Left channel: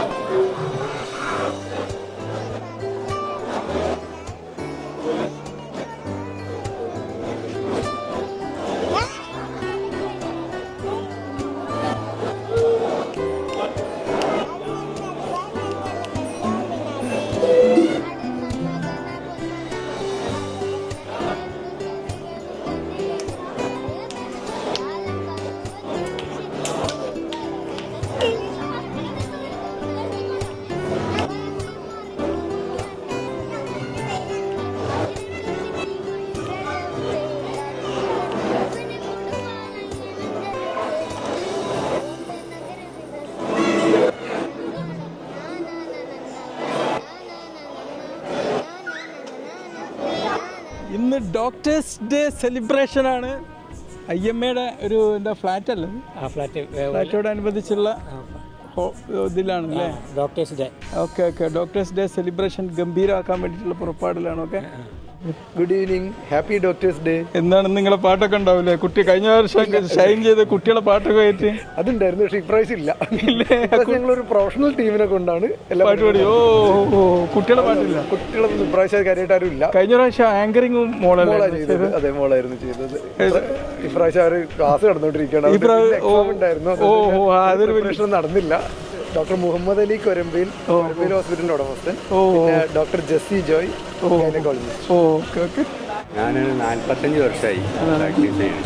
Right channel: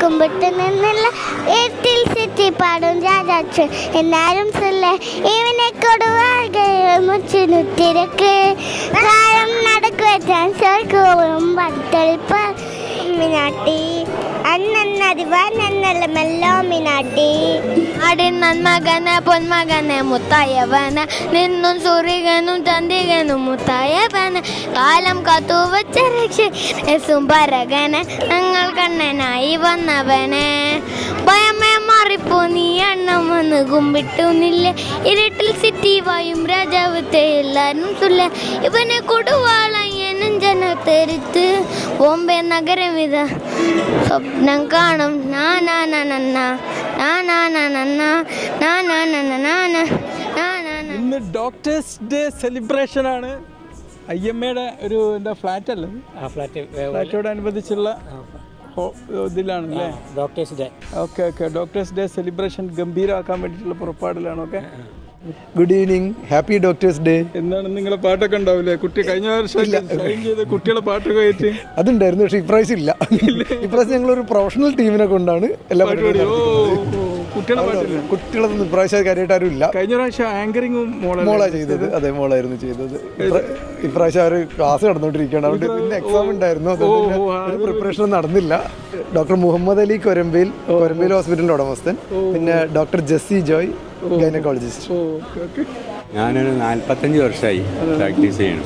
കുമ്പിട്ട് നിന്നുള്ള എട്ടിൽ സിറ്റി പാടും രാജാച്ച് എന്നാലും ചൊല്ല ഇവനെ കൊടുവാറുത്തിരക്ക് കാലം നടക്കുവാൻ ചോർക്കും ബത്തളിപ്പാട്ടി അന്നതിവാനല്ല മെല്ലോമിനാട്ടി ആടിൻ നന്മകനെ പൊന്മകനെ മുത്തായവന നിന്നും സൂര്യകനും ചന്ദ്രികനും മുത്തായവന കാലം കാത്തു വച്ച രക്ഷസുംബരകനെ ഞങ്ങൾ കണ്ണനായി വന്നവനെ ഭയമേ മാറിപ്പോ നീ എണ്ണം വന്ന് കുമ്പിട്ടുന്നില്ല ഇരുട്ടിൽ സിറ്റി വായും രാജാവത്തെ എല്ലാരും ചൊല്ല ഇവനെ കൊടുവാളയ്യനും ജനത്തെരുത്ത് ബോംബെ നഗരം ഇത സ്വപ്നം കാണും ഇന്ന് ഡോക്ടേഴ്സ് ഡേ സെലിബ്രേഷൻ ആണ്. IMAയുടെ ഒരു എന്താ ഫ്ലാറ്റ് അല്ലേ, ഫ്ലാറ്റോടനുബന്ധിച്ചുള്ള ഇതിലാണ് അല്ലേ doctors day. Okay doctors day celebration ഗംഭീരമാക്കാൻ വേണ്ടിയിട്ടുള്ള പുറപ്പാടിലാണ്. Okay, good evening, happy doctors day. എന്താണ് നിങ്ങളെ പാട്ടൊക്കെ ഉണ്ടാവില്ലേ? കുട്ടി കഴിഞ്ഞ വർഷം ഷൈൻ ചെയ്ത് കുട്ടികളെ പാട്ടൊക്കെ ആയിട്ട് അതുണ്ടായിരുന്നു, പക്ഷേ ഇപ്രാവശ്യം ഇല്ല. ഞങ്ങളൊരു പ്രൊഫഷണൽ ടീമിനെ കൊണ്ടാണ് പാട്ട് പാടി. ഓ കുട്ടികളെ പാട്ടില്ല, കുട്ടികളൊന്നും ഇപ്രാവശ്യം കാര്യമായിട്ടാരും ഇല്ല. കഴിഞ്ഞ പ്രാവശ്യം ആങ്കറിങ്ങും മോളായിരുന്നു ചെയ്തത്. അതേ മോളായിരുന്നു ചെയ്തത്. ഇപ്രാവശ്യം അവർ ക്ലാസ് നടന്നുകൊണ്ടിരിക്കുകയാണ്. പ്രിപ്പറേഷൻ നടന്നില്ല. ഡോക്ടർ മുഹമ്മദ് അലി കൊരമ്പയിൽ ഹോസ്പിറ്റലിന്റെ ഉടമസ്ഥൻ, പിന്നെ ഡോക്ടർ ജെസ്സി ജോയ് ഗൈനക്കോളജിസ്റ്റ്. ഞാനൊരു 45 വർഷമായി പ്രാക്ടീസ് ചെയ്യുന്നു.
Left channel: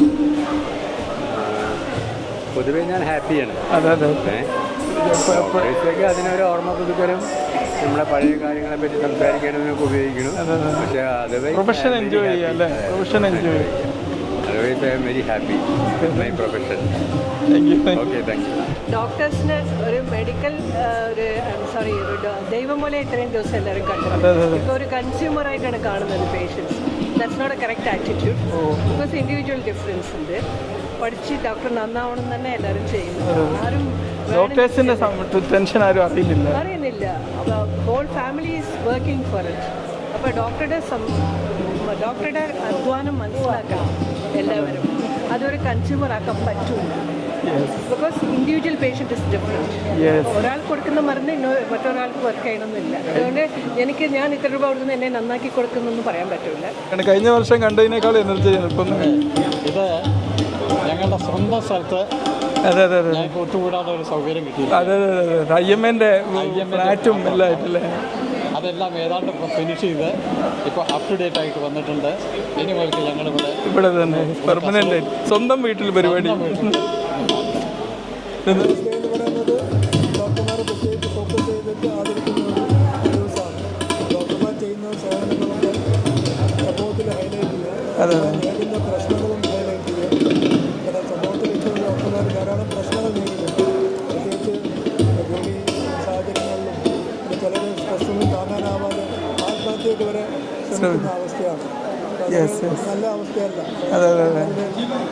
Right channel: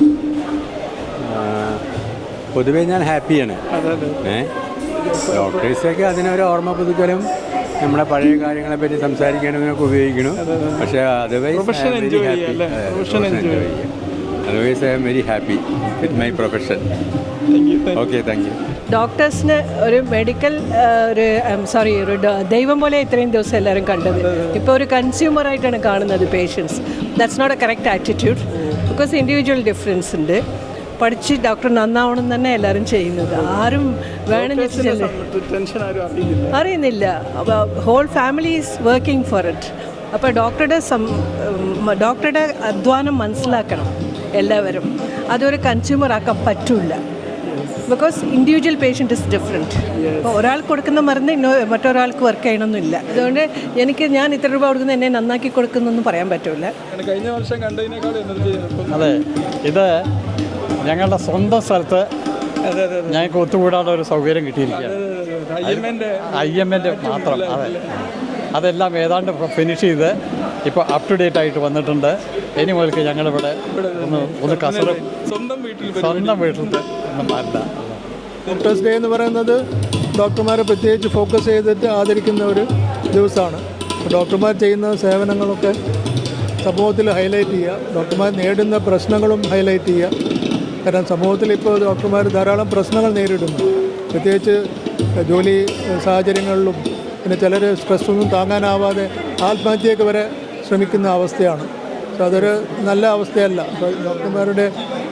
പൊതുവേ ഞാൻ ഹാപ്പിയാണ്. ഡോക്ടേഴ്സൊക്കെ അതിനൊരു ഓർമ്മ പുതുക്കലും നമ്മളെ പഴയ കാര്യങ്ങളെ പറ്റി സംസാരിക്കാനും ഒക്കെ ഉപയോഗിക്കണം. പക്ഷേ പ്രൊഫഷൻ എൻജോയ് ചെയ്യാം. Otherwise I am very happy with my profession. Okay, thank you. ഡോക്ടേഴ്സിന് ഒരു മെഡിക്കൽ ഒരു ദൈവം പോലെ ഇത്രയും ദിവസം എല്ലാവരും കണ്ടത്. ഇപ്പോൾ ഒരു കൺസ്യൂമറായിട്ടാണ് കാണുന്നത് patients. That's not a correct attitude. Because individual difference ഉണ്ട്. പഠിച്ച് ഡോക്ടർ നന്നാവണം തന്നെ എല്ലാവരും ചെയ്യുന്നത്. ആരും അറിയുന്നില്ല. Whole family is working for it. അപ്പോൾ ഡോക്ടറുടെ അധ്വാനം മനസ്സിലാക്കണം എല്ലാവരും. അതൊരു കൺസ്യൂമർ ആക്കാൻ പറ്റില്ല. Because individual patient is different. ഒരാൾക്ക് കൊടുക്കുന്ന മരുന്ന് മറ്റൊരാൾക്ക് വർക്ക് ചെയ്യണമെന്നില്ല. അതുകൊണ്ട് ഞാൻ ഇത്ര രൂപ കൊടുക്കുന്ന എന്നെ നന്നാക്കി കൊടുക്കുന്നൊന്നും പറയാൻ പറ്റില്ല. കഴിഞ്ഞ വർഷം കണ്ടതിനേക്കാൾ എനർജി ഇത് ഞങ്ങളുടെ സ്വന്തം സ്ഥലത്ത് ഞങ്ങൾക്ക് ഒത്തുകൂടാനുള്ള ഒരു സൗകര്യം കിട്ടിയില്ല. അതെല്ലാം ഏതാണ്ട് ഫിനിഷ് ചെയ്ത് ഇപ്പോൾ അപ് ടു ഡേറ്റ് ആയിട്ട് വന്നിട്ടുണ്ട്. ഇനി മുതൽക്ക് ഞങ്ങളിവിടെ സ്വന്തം വീട്ടിൽ ഡോക്ടേഴ്സ് ഡേ എന്ന് പറയുന്നത് ഡോക്ടർമാരെ പ്രത്യേകിച്ച് ഫോക്കസ് ചെയ്തിട്ട് ആദരിക്കുന്ന ഒരു ദിവസമാണ്. ഡോക്ടർമാർ ചെയ്യുന്ന സേവനങ്ങളൊക്കെ സമൂഹത്തിൽ ഹൈലൈറ്റ് ചെയ്യുക. ഡോക്ടർമാർ നേരിടുന്ന പ്രശ്നങ്ങളും ഹൈലൈറ്റ് ചെയ്യുക. കാരണം സമൂഹത്തിൽ ഇപ്പോൾ ഡോക്ടർമാർ ധാരാളം പ്രശ്നങ്ങൾ നേരിടുന്നു. പ്രത്യേകിച്ച് ജോലി സാഹചര്യങ്ങളിലും പിന്നെ ചിലർ സ്ട്രെസ്സൊന്നും താങ്ങാനാവാതെ ആത്മഹത്യയൊക്കെ വരെ ശ്രമിക്കുന്ന അവസ്ഥയാണ്. അതൊരു നല്ല അവസ്ഥയല്ല. ഡോക്ടർമാരുടെ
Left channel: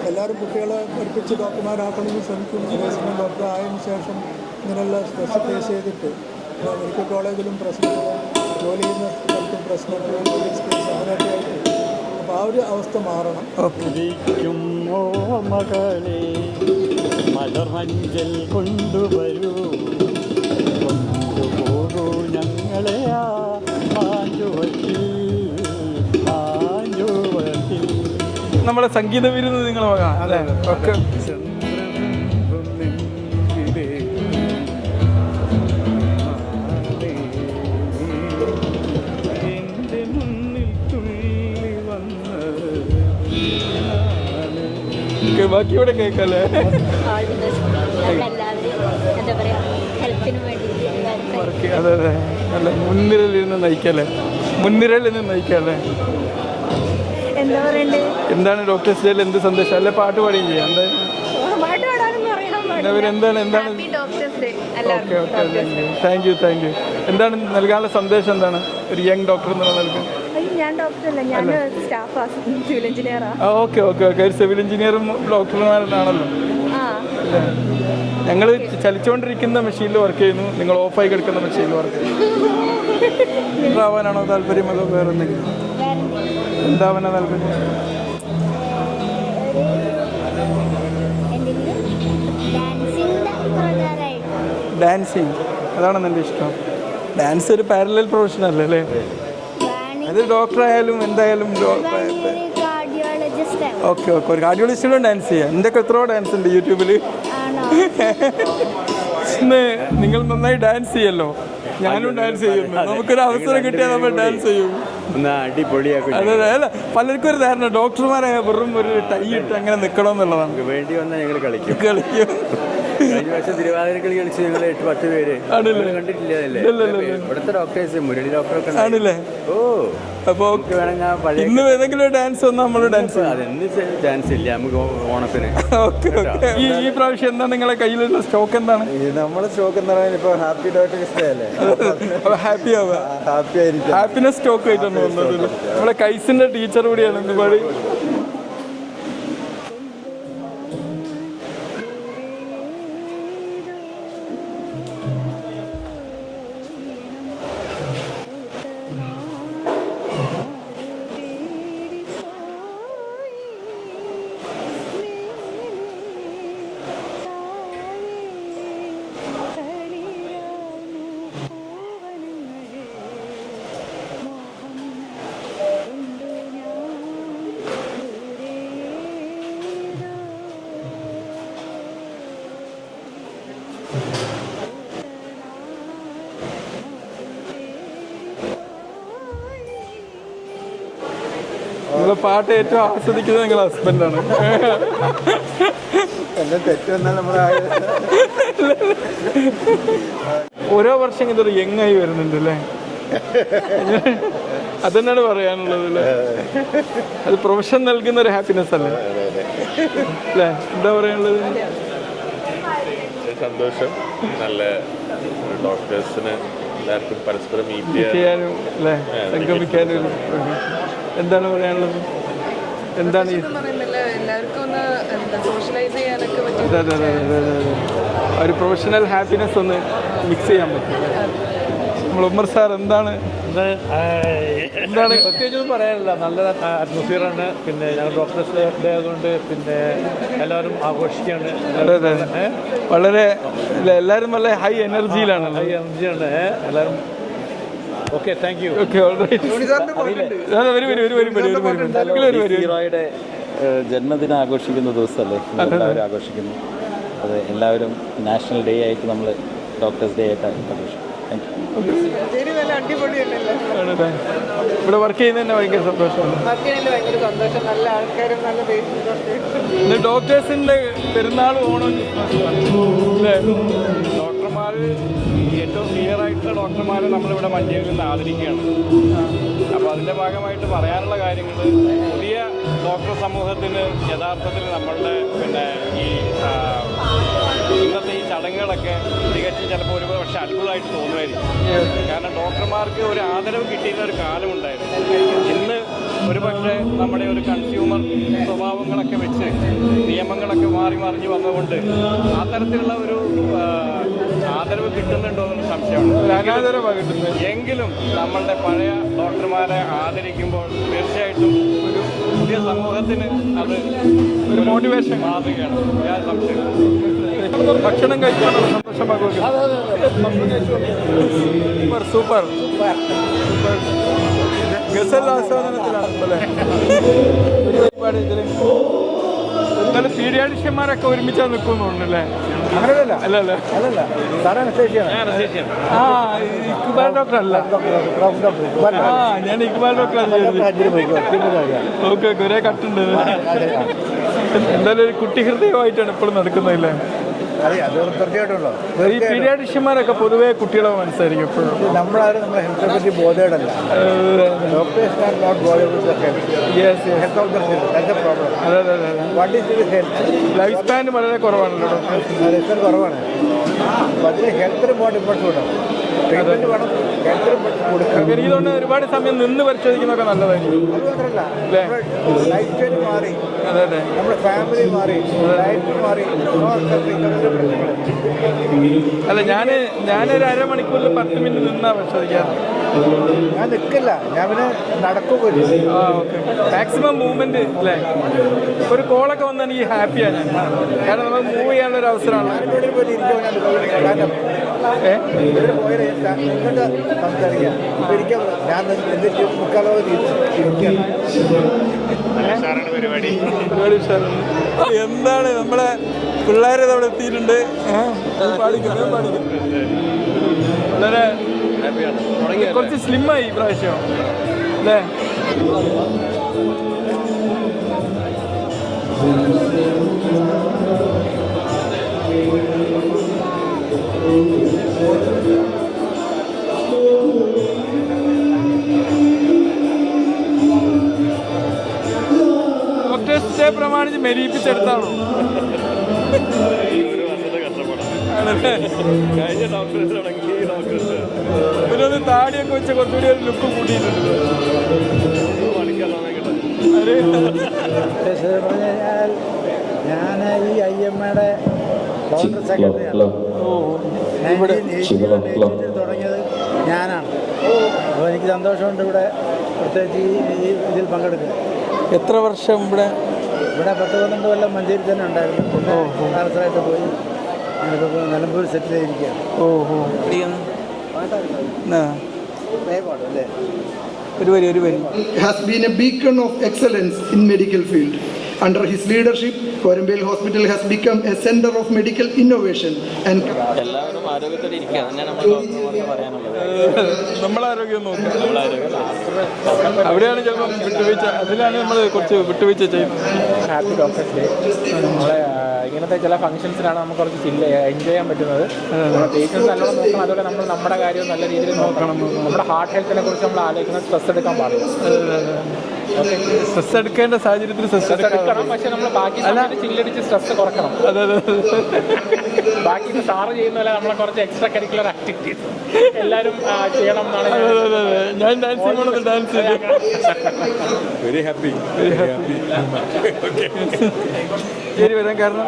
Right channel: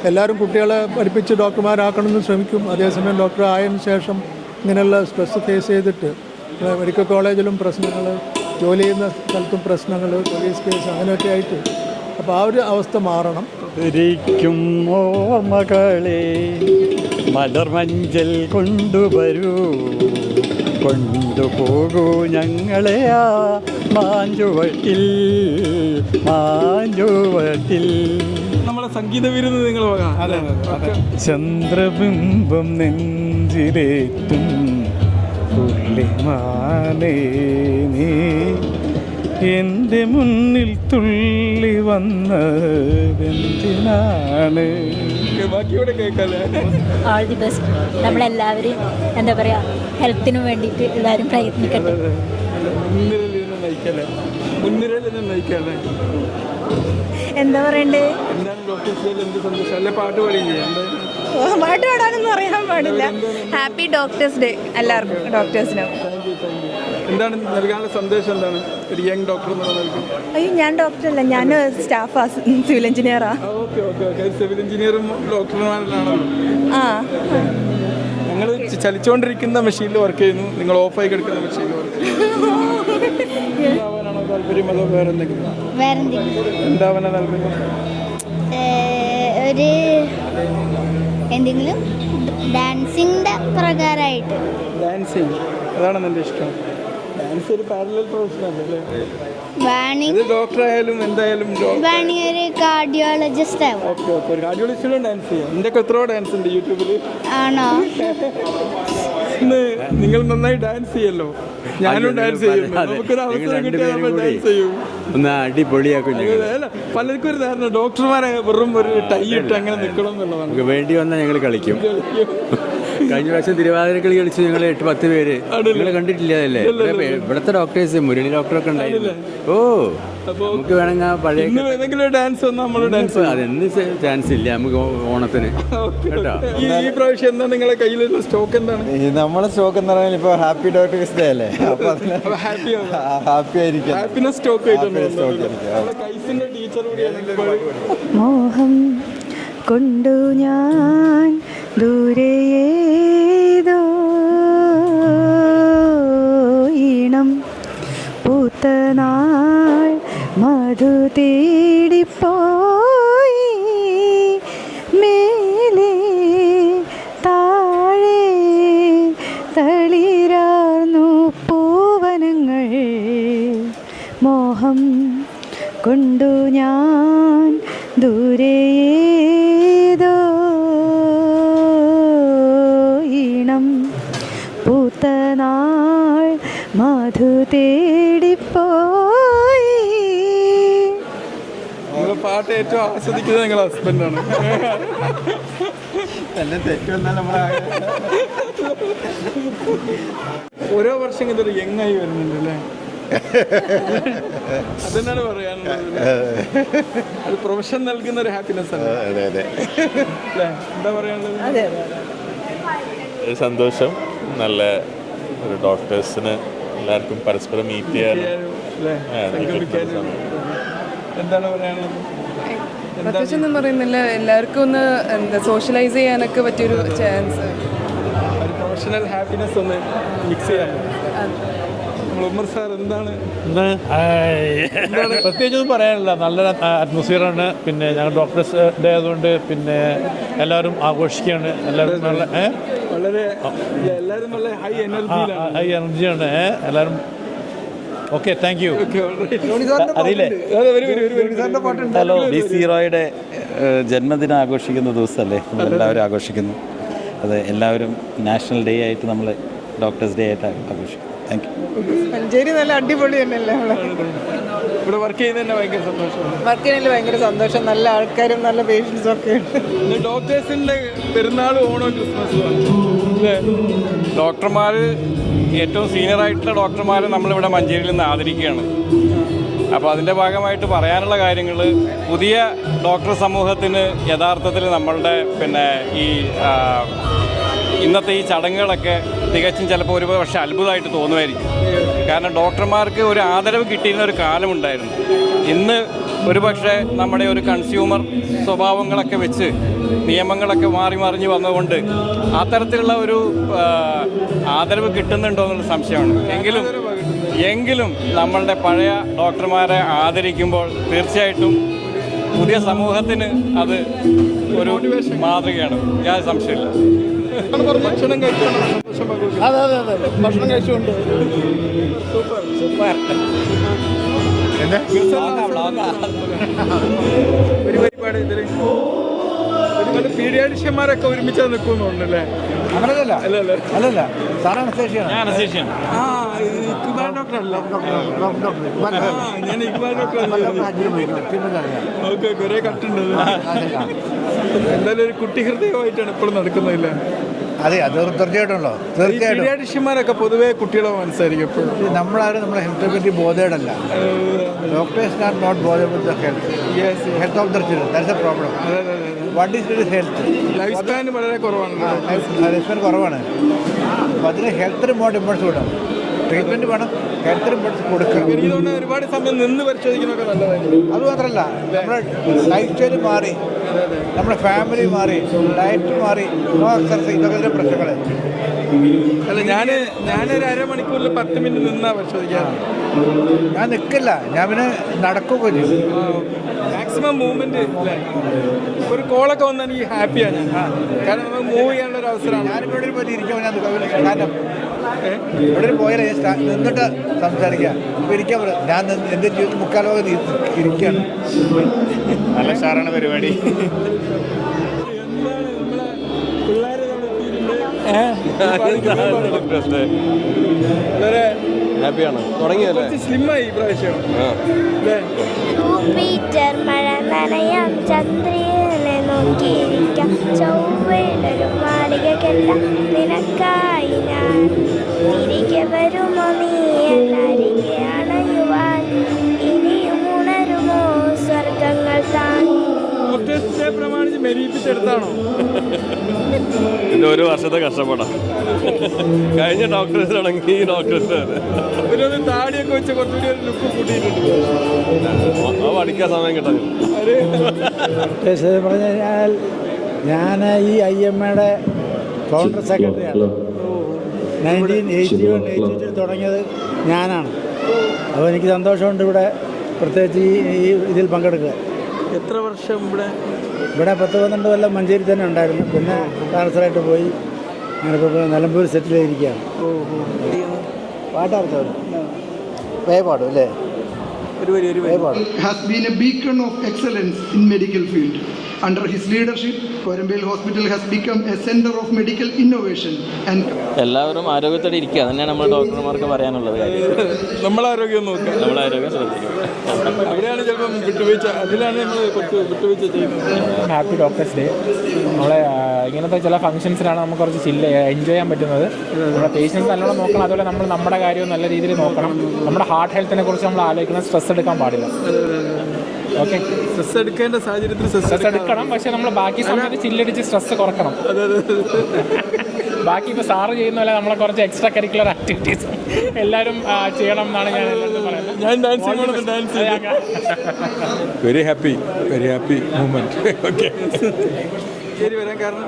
എല്ലാവരും കുട്ടികളെ പഠിപ്പിച്ച് ഡോക്ടർമാരാക്കണമെന്ന് ശ്രമിക്കും. അതേസമയം ഡോക്ടർ ആയതിനു ശേഷം ഇങ്ങനെയുള്ള സ്ട്രെസ് ഫേസ് ചെയ്തിട്ട് മെഡിക്കൽ കോളേജിലും പ്രശ്നങ്ങൾ, ജോലി ചെയ്യുന്ന സ്ഥലത്തും പ്രശ്നങ്ങൾ, പോലീസ് കേസ് അങ്ങനെയൊക്കെ ആയിട്ട്. അപ്പോൾ ആ ഒരു അവസ്ഥ മാറണം. മകളെ മലർമഞ്ചൽ കൊണ്ടുവരൂ, കൊണ്ടുപോകൂ ഞങ്ങളെ ആ മാഞ്ചുവട്ടിൽ. നമ്മുടെ സംഗീത വിരുന്ന് നിങ്ങൾ ചന്ദ്രബിംബം നെഞ്ചിലേറ്റും എൻ്റെ മുന്നിൽ തുള്ളി വന്നതിനാണ്. ബാക്കിയോടെ കേൾക്കല്ലേ. All the best. നമ്മളെല്ലാവരും എന്താ പറയുക, ഹെൽത്തിന് വേണ്ടിയിട്ട് എല്ലാവരും പ്രയത്നിക്കും. മുൻനിരയിൽ നിന്ന് നയിക്കല്ലേ. എന്താ പറയണ്ടേ? എന്താണ് ഡോക്ടേഴ്സ് ഡേയിൽ എന്ത് സന്ദേശം? അല്ലെ പാട്ട് പാടുകയും ചെയ്യാം. പാട്ട് പാടാനൊന്നും അറിയാൻ പാടില്ല. ഹാപ്പി ഡോക്ടേഴ്സ് ഡേ എല്ലാവർക്കും. ഡോക്ടേഴ്സിന് താങ്ക് യു. എന്താണ് നൽകാനുള്ള സന്ദേശം? എന്താണ് ഒരു യങ് ഡോക്ടർ എന്നുള്ള നൽകുന്നത്? ഞാൻ ഡോക്ടറല്ല, ഞാൻ സ്റ്റാഫ് സിവിൽ എഞ്ചിനീയറാണ്. ഓക്കെ. സിവിൽ എഞ്ചിനീയറും ഡോക്ടർമാരാണല്ലോ. ഞങ്ങൾ ചലിച്ചുകൊണ്ടിരിക്കുന്ന മെഷീനിൽ വർക്ക് ചെയ്യുന്നു, നിങ്ങൾ ഓഫായി കിടക്കുന്ന മെഷീനിൽ വർക്ക് ചെയ്യുന്നു. എന്താവാനാണോ താല്പര്യം, അതോ വേറെ എന്തെങ്കിലും? എന്താവാനാ താല്പര്യം? എന്തെങ്കിലും ഡാൻസിൻ്റെ പ്രകാരമായിട്ട് ഡാൻസിങ്, അതാണ് എൻ്റെ ഇഷ്ടം. ഡാൻസ് ഒരു പാരലൽ പ്രൊഫഷൻ അല്ലേ? അത് ഡോക്ടർ ആയാലും എന്തായാലും കാർഡിയോളജിസ്റ്റ് ഓക്കെ ഒരു കാർഡിയോളജിസ്റ്റിനും ഡാൻസ് ചെയ്യാം. എൻ്റെ ഒക്കെ എത്രയോ ഡാൻസ് ഉണ്ട് യൂട്യൂബിൽ. ആണോ? ഇന്ന് നിങ്ങൾ നന്നായി ഡാൻസ് ചെയ്യല്ലോ, ഞാനും ഡാൻസ് ചെയ്യുന്നു. നമുക്കൊരു അവസരം കിട്ടിയാൽ നമ്മൾ ഡാൻസ് ചെയ്യും. അല്ല, പലർക്കും ഒരു ധാരണ ഡോക്ടർമാരെ വെറും ഒരു ടൈ ഇട്ട് അങ്ങനെ നിൽക്കണം എന്നുള്ളതാണ്. വേണ്ടി വന്നാൽ ഞങ്ങൾ കളിക്കും. കഴിഞ്ഞ പ്രാവശ്യം തിരുവാതിരക്കളി കളിച്ച് ഞങ്ങൾ 8-10 പേര് കണ്ടിട്ടില്ലേ? ഇവിടുത്തെ ഡോക്ടേഴ്സ് മുരളി ഡോക്ടറൊക്കെ ആണല്ലേ? ഓ, അപ്പോൾ വേണമെങ്കിൽ പഴയ ഇന്ന് ഏതെങ്കിലും ഡാൻസ് വന്നാൽ നമ്മൾ ഡാൻസ് അതെന്ത് ചാൻസ് ഇല്ല നമുക്ക് ഓണത്തിന്. ഈ പ്രാവശ്യം എന്താണ് നിങ്ങളുടെ കയ്യിലുള്ള സ്റ്റോക്ക്? എന്താണ് നമ്മളെ സ്റ്റോക്ക് എന്താണ്? ഇപ്പോൾ ഹാപ്പി ഡോക്ടേഴ്സ് ഡേ അല്ലേ? ഹാപ്പി ആയിരിക്കും. ഹാപ്പിനെസ് സ്റ്റോക്ക് ആയിട്ടാണ് വന്നത്. നമ്മുടെ കൈസിന്റെ ടീച്ചർ കൂടിയാണ് നമ്മൾ. മോഹം കൊണ്ടു ഞാൻ ദൂരെയേതോ ഈണം പൂത്തനാൾ മധു തേടിപ്പോയി മേലെ താഴെ തളിരാർന്നു പൂവനങ്ങൾ. മോഹം കൊണ്ടു ഞാൻ ദൂരെയേതോ ഈണം പൂത്തനാൾ മധു തേടിപ്പോയി. നിങ്ങളെ പാട്ട് ഏറ്റവും ആസ്വദിക്കുന്നത് നിങ്ങളുടെ ഹസ്ബൻഡാണ്. എല്ലാം തെറ്റൊന്നും നമ്മളെ ഓരോ വർഷം ഇതൊരു യങ്ങായി വരുന്നുണ്ട് അല്ലേ? അതെന്നാണ് പറയാനുള്ളത് അല്ലേ? അത് പ്രൊഫഷൻ നൽകുന്ന ഒരു ഹാപ്പിനെസ് അല്ലേ? അല്ലേ? എന്താ പറയാനുള്ളത്? സന്തോഷം. നല്ല ഡോക്ടേഴ്സിന് എല്ലാവർക്കും പരസ്പരം മീറ്റ് ചെയ്യാനും അല്ലേ, സംഗമിക്കാനും. എന്താണ് പറയാനുള്ളത്? എന്താണ് പറയുന്നില്ല, എല്ലാവർക്കും ഒന്ന് എന്താ സോഷ്യലൈസ് ചെയ്യാനൊക്കെ പറ്റിയ ചാൻസ്, ഒരു പ്രൊഫഷണൽ ഹാപ്പിനെസ് ഒന്ന് മിക്സ് ചെയ്യാൻ പറ്റും. നമ്മൾ ഉമ്മർ സാർ എന്താണ് പ്രത്യേകിച്ചൊന്നും പറയാനില്ല. നല്ല അറ്റ്മോസ്ഫിയറാണ്. പിന്നെ ഞങ്ങൾ ഡോക്ടേഴ്സ് ഡേ ആയതുകൊണ്ട് പിന്നെ എല്ലാവരും ആഘോഷിക്കുകയാണ്. വളരെ എല്ലാവരും നല്ല ഹൈ എനർജിയിലാണ്. എല്ലാവരും. Okay, thank U. സീറോയുടെ ജന്മദിനം ആഘോഷിക്കുന്ന ദിവസമല്ലേ എല്ലാവരും ആഘോഷിക്കുന്നു. അത് എല്ലാവരും നാഷണൽ ഡേ ആയിട്ട് നമ്മൾ ഡോക്ടേഴ്സ് ഡേ ആയിട്ട് ആഘോഷിക്കും. Thank you. മഞ്ചേരി നല്ല അടിപൊളി തന്നെയല്ലേ? ഇവിടെ വർക്ക് ചെയ്യുന്നത് തന്നെ ഭയങ്കര സന്തോഷമാണ്. വർക്ക് ചെയ്യുന്നതിൽ ഭയങ്കര സന്തോഷം. നല്ല ആൾക്കാരും നല്ല പേഷ്യൻസും ഒക്കെ. ഡോക്ടേഴ്സിൻ്റെ പെരുന്നാൾ, ഓണം, ക്രിസ്മസ് അല്ലേ? ഡോക്ടർമാർ ഏറ്റവും സീനിയർ ആയിട്ടുള്ള ഡോക്ടർമാർ നമ്മളിവിടെ മഞ്ചേരിയിൽ നിന്ന് ആദരിക്കുകയാണ്. അപ്പോൾ അതിൻ്റെ ഭാഗമായിട്ട് പറയാനുള്ള കാര്യങ്ങൾ, പുതിയ ഡോക്ടർ സമൂഹത്തിന് യഥാർത്ഥത്തിൽ നമ്മളുടെ പിന്നെ ഈ ഇന്നത്തെ ഈ ചടങ്ങുകളൊക്കെ തികച്ചും ചിലപ്പോൾ ഒരു പക്ഷേ അത്ഭുതമായിട്ട് തോന്നുമായിരിക്കും. കാരണം ഡോക്ടർമാർക്ക് ഒരു ആദരവ് കിട്ടിയിരുന്ന ഒരു കാലമുണ്ടായിരുന്നു. ഇന്ന് ഒരു പക്ഷേ നമ്മുടെ ഒരു കൺസ്യൂമർ സ്വഭാവങ്ങളൊക്കെ വെച്ച് നിയമങ്ങളൊക്കെ മാറി മറിഞ്ഞ് വന്നതുകൊണ്ട് അത്തരത്തിലുള്ള ഒരു ആദരവ് കിട്ടുന്നുണ്ടോ എന്നൊരു സംശയമാണ്. എങ്കിലും നമ്മളുടെ പഴയ ഡോക്ടർമാരെ ആദരിക്കുമ്പോൾ തീർച്ചയായിട്ടും ഒരു പുതിയ സമൂഹത്തിന് അത് ഒരു മോട്ടിവേഷൻ മാതൃകയാണ്. ഞാൻ സംശയമില്ല. ഭക്ഷണം കഴിച്ചാണോ സന്തോഷം പങ്കുവെക്കുന്നത്? സൂപ്പർ ഗസൽ ആസ്വാദനത്തിലാണ് ഒരു പരിപാടി. ഇതിൽ ഒരുപാട് പീഡിയാട്രിഷ്യന്മാരൊക്കെ ഒരുമിച്ചാണ് നിൽക്കുന്നുണ്ടല്ലേ? അല്ലല്ലേ? ഇക്ബാൽ ഡോക്ടർ അല്ല. ഞാൻ ഇക്ബാൽ ഡോക്ടർ ഓക്കെ. ഒരേ കട്ടുണ്ട്. എന്തായാലും ഒരു കുട്ടി ഹൃദയമായിട്ടാണ് ഇപ്പോഴും നടക്കുന്നതല്ലേ? ഈ പീഡിയാട്രിഷ്യന്മാരൊക്കെ പൊതുവേ കുട്ടികളെ മനസ്സായിരിക്കും എപ്പോഴും. നമ്മളാരും നമ്മളെ ഹെൽത്തിനെ പറ്റി ബോധേടല്ല. Doctors are not bothered with the health of the children. That's a problem. അതെ അതെ അതെ. What is health? Life span വളരെ കുറവാണല്ലോ ഡോക്ടേഴ്സ്. ലൈഫ് സ്പാൻ കുറവാണ്. അപ്പോൾ അതിന് ഹെൽത്തിന് മോട്ട് ഇമ്പോർട്ടൻസ് കൊടുക്കണം. ട്രീറ്റ്മെൻറ്റ് വേണം, ഹെൽത്തിന് ഇമ്പോർട്ടൻസ് കൊടുക്കണം. എനിക്ക് തോന്നുന്നത് ഒരുപാട് സമയം നിന്ന് പരിശോധിക്കുന്നതൊക്കെ നല്ലതായിരിക്കും. അത് മാത്രമല്ല, നമ്മുടെ ലൈഫ് സ്റ്റൈൽ മാറി, നമ്മുടെ ഫാമിലി മാറി, ഡയറ്റ് മാറി, ഇതൊക്കെ പ്രശ്നങ്ങൾ. അല്ല, ഞാനൊരു അരമണിക്കൂറിൽ 10 മിനിറ്റ് നിന്നാ പരിശോധിക്കാറ്. ഞാൻ നിൽക്കില്ല, ഞാൻ പിന്നെ നടക്കുകയോ. ആ ഓക്കെ. മാക്സിമം മൂവ്മെന്റ് അല്ലേ? ഒരു കോളൊക്കെ വന്നാൽ എനിക്ക് ഹാപ്പിയാണ് ഞാൻ. കാരണം നമുക്ക് മൂവ് ചെയ്യാനുള്ള ഒരു അവസരമാണ്. ഇവിടെ പോയി ഇരിക്കുമ്പോൾ ഞാൻ പോയാലേ നിന്നിട്ട് സംസാരിക്കാം. ഇപ്പം ഇരിക്കാൻ ഞാൻ എൻ്റെ മുക്കാലോ ഇരിക്കുകയാണ്. പരിപാടി എന്താണ് നമ്മളെ പിള്ളേരെ അവിടെ എത്തിയിട്ടുണ്ട്. വളരെ കുറച്ച് സ്ലിമ്മായി ഈ പ്രാവശ്യം അല്ലേ? ജൂപ്പിറ്റർ മഴ നനയാം, ചന്ദ്രനെ നോക്കിയിരിക്കാം, ചൊവ്വയിലൊരു മാളിക കെട്ടാം നിനക്കായി ഞാൻ. തിരികെ വരുമോ നീ എന്നരികെ അണയുവാൻ, ഇനിയും ഉണരുമോ സ്വർഗങ്ങൾ താങ്ങി. ഡോക്ടേഴ്സ് ഡേ പ്രമാണിച്ച് മെരീപ്പിച്ചെടുത്താണോ? ഒരു വർഷത്തെ കഷ്ടപ്പെടാം. കഴിഞ്ഞ ഡോക്ടേഴ്സ് ആണെങ്കിൽ ഈ ഡോക്ടേഴ്സ് പിന്നെ താടിയൊക്കെ വെച്ച് കുറച്ചുകൂടി ഒരു ലുക്ക് കൂട്ടിയിട്ടുണ്ട്. പഠിക്കാൻ സമയം കിട്ടാൻ ഞാൻ ഈ IMA-യുടെ കൗണ്ടർ സെക്രട്ടറിയാണ്. 1981 തുടങ്ങിയത് ഞാനാണ്. അപ്പോൾ എനിക്ക് സന്തോഷമുണ്ട് ഇവിടെ പ്രത്യേകിച്ച് ഈ ഇതിൽ പങ്കെടുക്കുക. എത്ര വർഷം ഇവിടെ 10-12 കൊല്ലം മഞ്ചേരി തന്നെ ഉണ്ടായിരുന്നു. പിന്നെ ട്രാൻസ്ഫറായിട്ട് പോയി ഞങ്ങളിപ്പോൾ നിലമ്പൂർ സെറ്റിൽ ചെയ്തിരിക്കുകയാണ്. വേപാട് അല്ലേ? has been a beacon of excellence in medical field. Under his leadership, Korambil Hospital has become a center of medical innovation and എല്ലാവരും ആരോഗ്യത്തോടെ ഇരിക്കുക. തന്നെയാണ് നമ്മൾ ഡോക്ടർമാർക്ക് പറയാനുള്ളത്. നമ്മളെ ആരോഗ്യം നോക്കുക. അവിടെയാണ് ചിലപ്പോൾ വിട്ടുവീഴ്ച, അതിലാണ് നമ്മൾ കുറച്ച് വിട്ടുവീഴ്ച ചെയ്യുന്നത്. Happy doctors day. നമ്മുടെ ഇങ്ങനത്തെ ചില ഫംഗ്ഷൻസിലാണ് നമുക്ക് കുറച്ച് എൻജോയ് ചെയ്യാൻ പറ്റുന്നത്. നമ്മുടെ പേഷ്യൻസ് നല്ലോണം നോക്കണം. അതുപോലെ നമ്മൾ നമ്മുടെ കാര്യവും നല്ല രീതിയിൽ നോക്കണം. നമ്മുടെ ഹാർട്ട് ഹെൽത്തിനെ കുറിച്ച് നമ്മൾ ആലോചിക്കണം. സ്ട്രെസ് എടുക്കാൻ പാടില്ല. ഓക്കെ, സ്ട്രെസ് എടുക്കേണ്ട സാഹചര്യത്തിൽ സ്ട്രെസ് എടുക്കണം. പക്ഷെ നമ്മൾ ബാക്കി സമയത്ത് ചില്ലടിച്ച് സ്ട്രെസ് കുറക്കണം. ബാക്കി ഇപ്പോൾ സാറ് ചെയ്യുന്ന പോലെ നമ്മൾ കുറച്ച് എക്സ്ട്രാ കരിക്കുലർ ആക്ടിവിറ്റീസ് എല്ലാവരും ചെയ്യണം എന്നാണ് ഞാൻ ഡാൻസ് വെരി ഹാപ്പി ഓക്കെ. വരാൻ കാരണം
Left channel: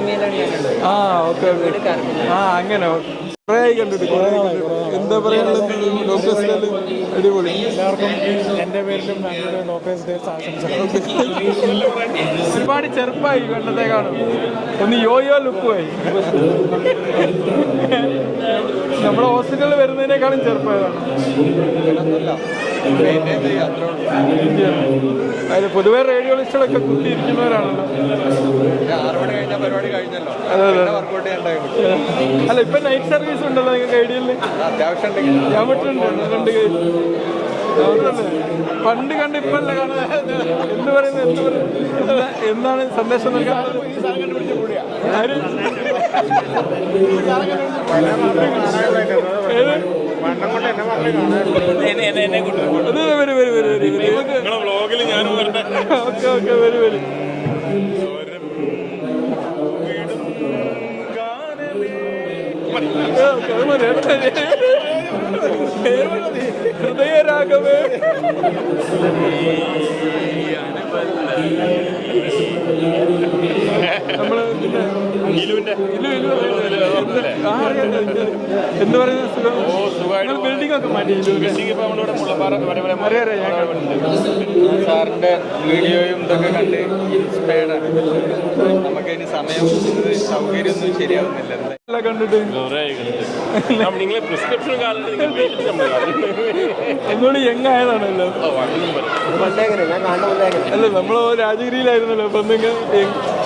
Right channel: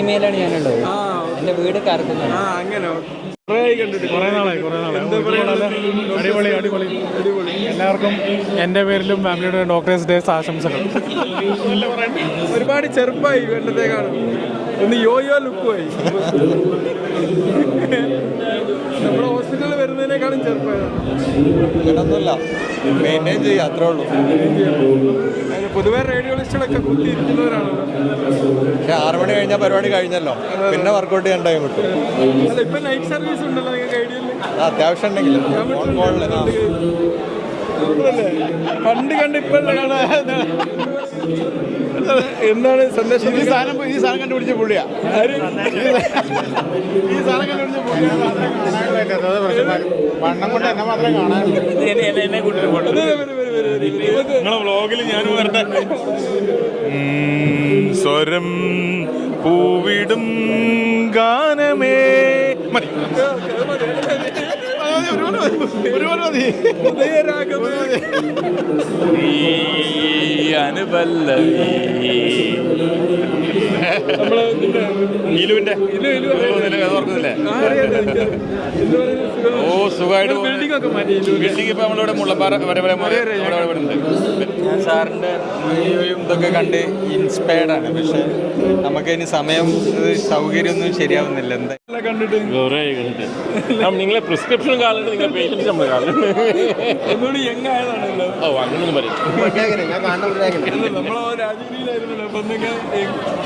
ഇമെയിലാണ് ഞാനുള്ളത്. വീട് അങ്ങനെ കുറേ കണ്ടിട്ട് കുറേ നാളായി. എന്താ പറയുക, എല്ലാവർക്കും എൻ്റെ പേരിലും ഫാമിലിയുടെ ഡോക്ടേഴ്സ് ഡേ ആശംസകൾ. ഒരുപാട് ചെറുപ്പമായി കണ്ടതേക്കാളും. ഒന്ന് യോയോ ലുക്കുമായി. നമ്മുടെ ഹോസ്പിറ്റലിൽ വരുന്നതിനേക്കാളും ചെറുപ്പമാണ്. അതിന് പൊതുവെ റേഡിയോളിസ്റ്റുകളൊക്കെ കുത്തിയിരിക്കുന്നവരാണല്ലോ. 6 മണി കഴിഞ്ഞാൽ പരിപാടി കഴിഞ്ഞല്ലോ, പിന്നെ വർക്കൗട്ട് ചെയ്യാൻ ടൈം കിട്ടും. അല്ല, ഇപ്പൊ നൈറ്റ് സർവീസ് ഉണ്ടല്ലോ നിങ്ങൾക്ക് ഐഡിയല്ലേ? അത്യാവശ്യം ഉണ്ടെങ്കിൽ പണ്ട് കണ്ട് ഇപ്പല്ലേ കാണാൻ. എന്ത് പറയുന്നത്, എന്താണ് സന്ദേശം? ഈ സാധനം കണ്ടുപിടിച്ച പുള്ളിയാ. സ്വരം പൂവിടും ഗാനമേ ഹൃദയരാഗമേ നമ്മള് എന്ത് പറയുന്നത്, ബിൽഡിംഗ് ഒക്കെ മാറ്റി. സാറിന്റെ വീഡിയോയും ഇതൊക്കെ കണ്ട് ഇൻസ്പയർഡ് ആണ്. പക്ഷെ നമുക്ക് ഇനി സമയം സൗകര്യമൊന്നും ശരിയാവുന്നില്ല. കണ്ടിട്ട് നിങ്ങളെ പ്രിസ്ക്രിപ്ഷൻ കാലത്ത് എന്നോട് യങ്ങായതാണല്ലോ. അല്ല, നമ്മളോ രാജഗിരിയിലായിരുന്നല്ലോ. അപ്പൊ എന്തെങ്കിലും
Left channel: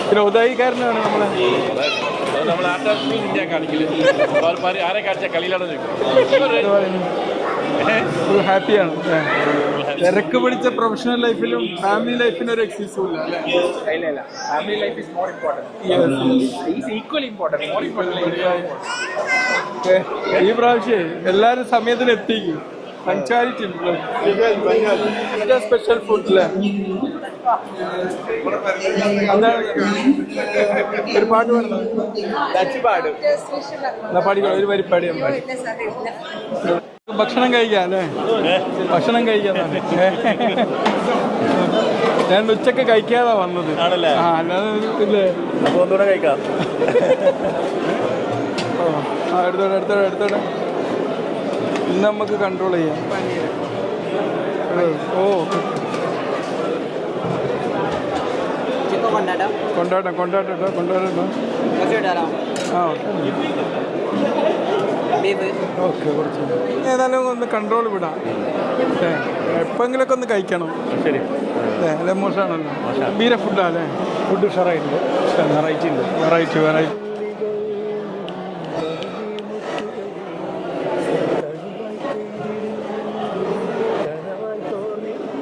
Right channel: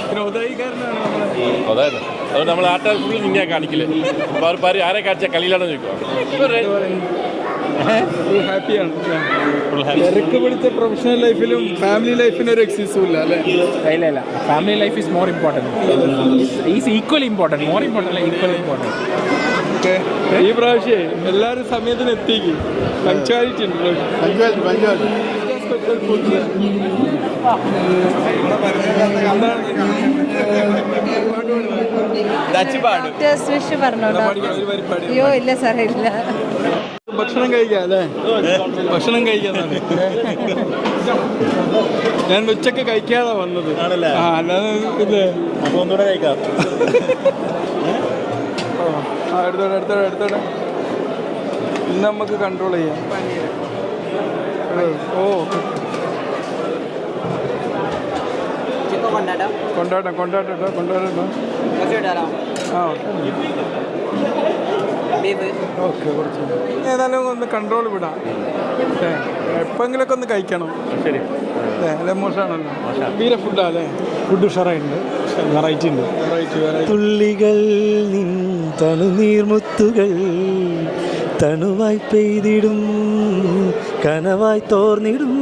പിന്നെ ഉദായിക്കാരനാണ് നമ്മൾ ആട്ടാൽ ഇന്ത്യ കാണിക്കില്ല. ആരെ കാണിച്ച കളിയിലാണ് ഹാപ്പിയാണ്. തിരക്ക് പിടിച്ച പ്രൊഫഷണൽ ലൈഫിലും ഫാമിലി ലൈഫിനും ഒരു എക്സിസും ഇല്ല അല്ലേ? ഇല്ല, family life is more important. Is equal important, more important, equal important. ഈ പ്രാവശ്യം എല്ലാവരും സമയത്തിന് എത്തിക്കും. പങ്ക്ച്വാലിറ്റി ഉണ്ട്. സ്പെഷ്യൽ ഫുഡ് ഭക്ഷണം കഴിക്കാം അല്ലേ? ഭക്ഷണം കഴിക്കാന്നാണ്. ഞാൻ ഉച്ചക്ക് കഴിക്കാതെ വന്നത്. അല്ലാതെ ഇല്ലേ, ഒന്നുകൂടെ കഴിക്കാം. എടുത്തോടെ ഇന്ന് നമുക്ക് കൺട്രോൾ ചെയ്യാം. ഓ കൊണ്ടാടട്ടോ. ആ ഓക്കെ കുറച്ച് ഏതായാലും ഒന്ന് കൺട്രോൾ വിടാം. എപ്പോഴെങ്കിലൊക്കെ ഒന്ന് കഴിക്കണം. ശരി അല്ലേ? മോശമാണല്ലോ. ഗംഭീര ഫുഡാല്ലേ? ഫുഡ് ഉഷാറായിട്ടുണ്ട്. വെറൈറ്റി ഉണ്ട്. വെറൈറ്റി തുള്ളികൾ നിൻ തണുനീർമുത്തുകൾ തണുവായി പെയ്തിടും കനവായി തോർന്നിടും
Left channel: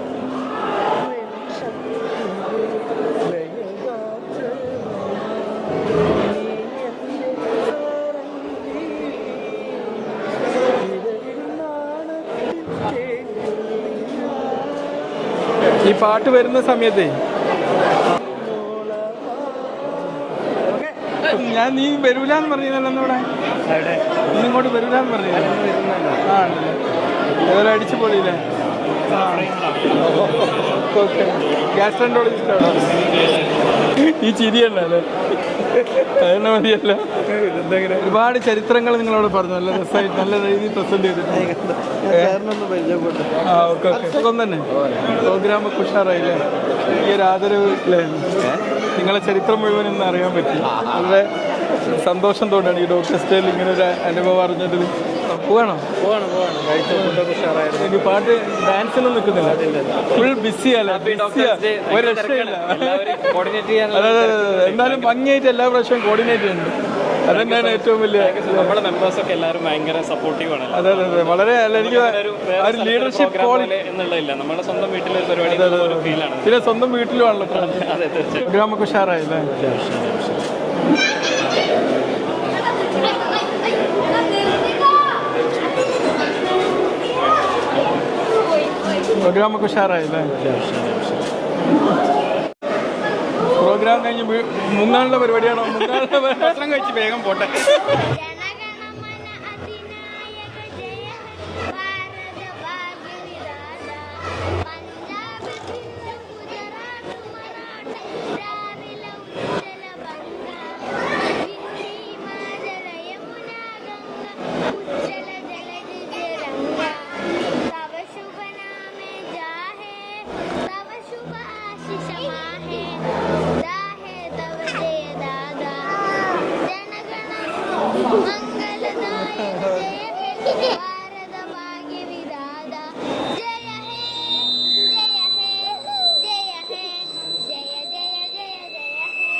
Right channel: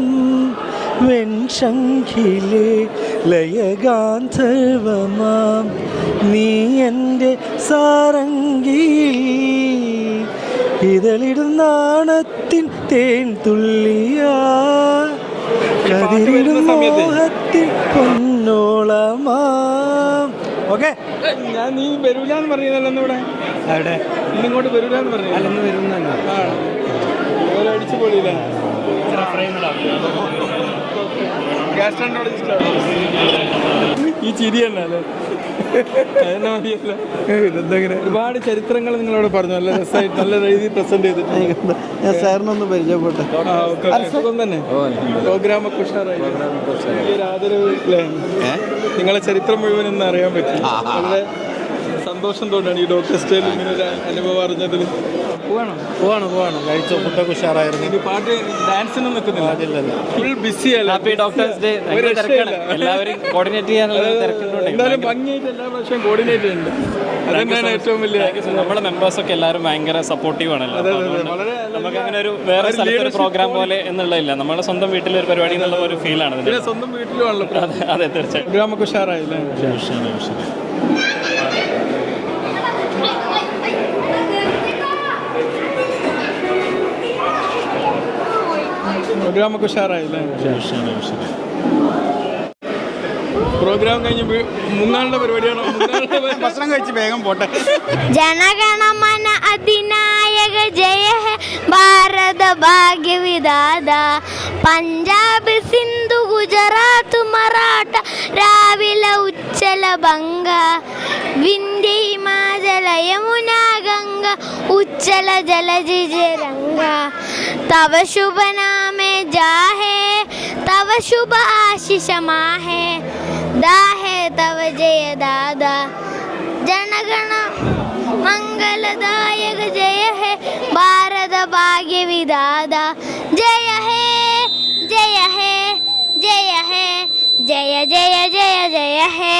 വെൺശങ്കിലെ ലയഗാന്ധർവമാം നീ എൻ്റെ സാരംഗി ഇതളിടും നാണത്തിൻ തേൻ തുള്ളിയാ. ഈ പാട്ട് വരുന്ന സമയത്ത് ഓക്കെ ഞാൻ നീ വരൂലെന്ന് പറഞ്ഞല്ലോ ഇവിടെ. നീ ഇങ്ങോട്ട് വരൂലെന്ന് പറഞ്ഞില്ല. ആ അടിച്ചു പൊളിയില്ലേ? ഗ്യാസ്ട്രോൻട്രോളജിസ്റ്റാണ്. ഈ ചിരി തന്നെ അല്ലേ? അതന്നെ മതിയല്ല. ഒരുപാട് ചരിത്രങ്ങൾ നിങ്ങളോട് പറഞ്ഞു. നല്ല രസമായിട്ട് നല്ല രീതിയിൽ പ്രസന്റ് ചെയ്തിട്ടുണ്ട്. സാറിനൊന്ന് പരിചയപ്പെട്ടു. ആ ഓക്കെ ഓക്കെ. സുഖം തന്നെ. പ്രോഗ്രാമൊക്കെ ഉഷാറായില്ലേ? ഈ ഒരു ആദരവ് അല്ലേ? നിങ്ങളെ ചരിത്രം മുഴുവൻ ഒന്ന് അറിയാൻ പറ്റി. വളരെ സന്തോഷം തോന്നാണ് ഈ ഡോക്ടർ സ്റ്റേയിൽ ഇങ്ങനെ ഒരു അനുഭവം അറിഞ്ഞതിൽ. പോവാണോ? ഇനി പാട്ട് ഡാൻസിനൊന്നും നിൽക്കുന്നില്ല. ഫുൾ ബിസിയല്ല. ഒരു രക്ഷയില്ല. എന്തായാലും ഭംഗിയായിട്ട് എല്ലാ പ്രാവശ്യവും കോർഡിനേറ്റ് ചെയ്യുന്നുണ്ട്. അതന്നെയാണ് ഏറ്റവും വലിയ. നമ്മുടെ മെമ്പേഴ്സൊക്കെ എല്ലാവരും ഭയങ്കര സപ്പോർട്ടീവാണ്. അതെ അതെ വളരെ പ്രോഗ്രാം പോലെ എന്നുള്ളതില്ല, നമ്മുടെ സ്വന്തം വീട്ടിലെ പരിപാടി ഒരു ഫീലാണ്. പിന്നെ സ്വന്തം വീട്ടിലുമാണല്ലോ പ്രോഗ്രാമൊക്കെ ഉഷാറായില്ലേ? പ്രോഗ്രാമൊക്കെ ഉഷാറായില്ലേ? പ്രോഗ്രാം കഴിഞ്ഞ് മുങ്ങാനുള്ള പരിപാടിയാണോ? ഭക്ഷണം കഴിച്ച് വേഗം പോട്ടെ. ജനഗണമന അധിനായക ജയ ഹേ ഭാരത ഭാഗ്യ വിധാത പഞ്ചാബ് സിന്ധു ഗുജറാത്ത് മറാഠ രാവില ഉച്ചല ബംഗ വിന്ധ്യ ഹിമാചല യമുന ഗംഗ ഉച്ചല ജലജിരംഗ തവ ശുഭ നാമേ ജാഹേ തവ ശുഭ ആശിഷ മാഹേ दाहे तव जय दादा जनगण मंगलदायक जय है भारत भाग्य विधाता जय है जय है जय है जय जय जय जय है.